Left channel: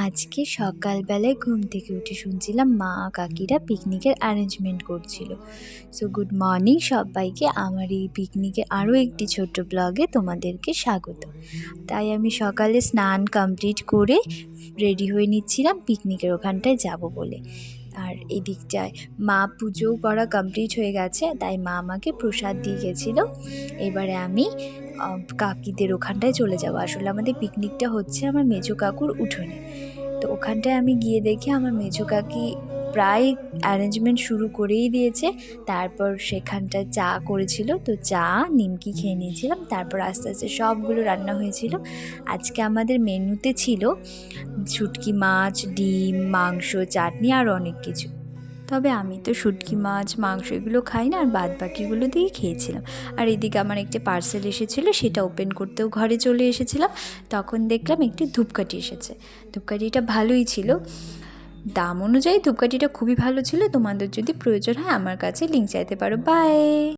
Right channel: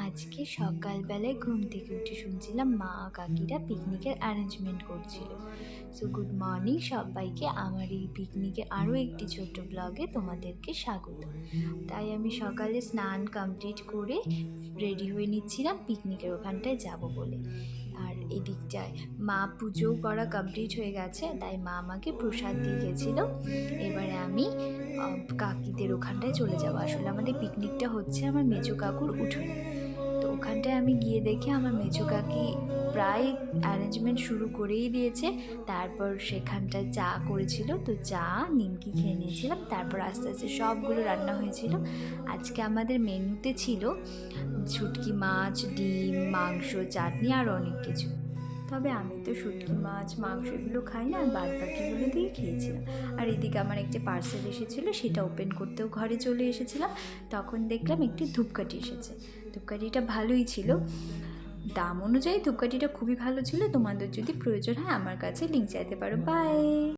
আজকে সকালবেলায় ঘুম থেকে উঠে শুনছিলাম মা কাকিরা পিকনিকের অ্যারেঞ্জমেন্ট করছিল। সো গুড মর্নিং সবাইকে, আমার এই পিকনিকে আরও একটি ছোট্ট ব্লগে তোমাদেরকে স্বাগত। তাই আমি সকালে স্নান কমপ্লিট করে রেডি হয়ে নিচ্ছিলাম পিকনিকের ওখানটায় যাব বলে। আর এদিকটায় মা পুজোও করা কমপ্লিট হয়ে গেছে, তাই মা আমাকে প্রসাদ দিয়ে গেছিলো। এবারে আমি কাকিদের ওখানটায় চলে যাবো। আসলে আমাদের পিকনিকটা হচ্ছে আমার মেজো কাকুর উঠোনে। তো ওখানটায় আমি গিয়ে দেখি আমার মেজো কাকি প্রায় অ্যারেঞ্জমেন্ট শুরু করেই দিয়েছে। তারপর সেখানটায় চা করেছিল, তো চা নিমকি খেয়ে নিয়েছিলাম। তারপর আস্তে আস্তে সবগুলো রান্না হয়েছিল। আজকে আমাদের মেনুতে ছিল শুটকি মাছ, ডিম, মাংস, চাটনি আর অনেক কিছু। তবে আমি তো শুটকি মাছ, মাংস এগুলো খাই না, আর বাদ বাকিগুলো দিয়ে খেয়েছিলাম। আর এদিকে আমার একটি পার্সেল এসেছিলো, সেটা ওপেন করতেও ঘরে চলে এসেছিলাম। তখন দেখলাম একটি ধূপকাঠি এসেছে। ধূপকাঠিটা ভালোই ছিল, দাম অনুযায়ী ধূপকাঠিটা খুবই ভালো ছিল। তোমাদের যদি প্রয়োজন হয় আমার কাছে লিঙ্ক চাইতে পারো। বাই।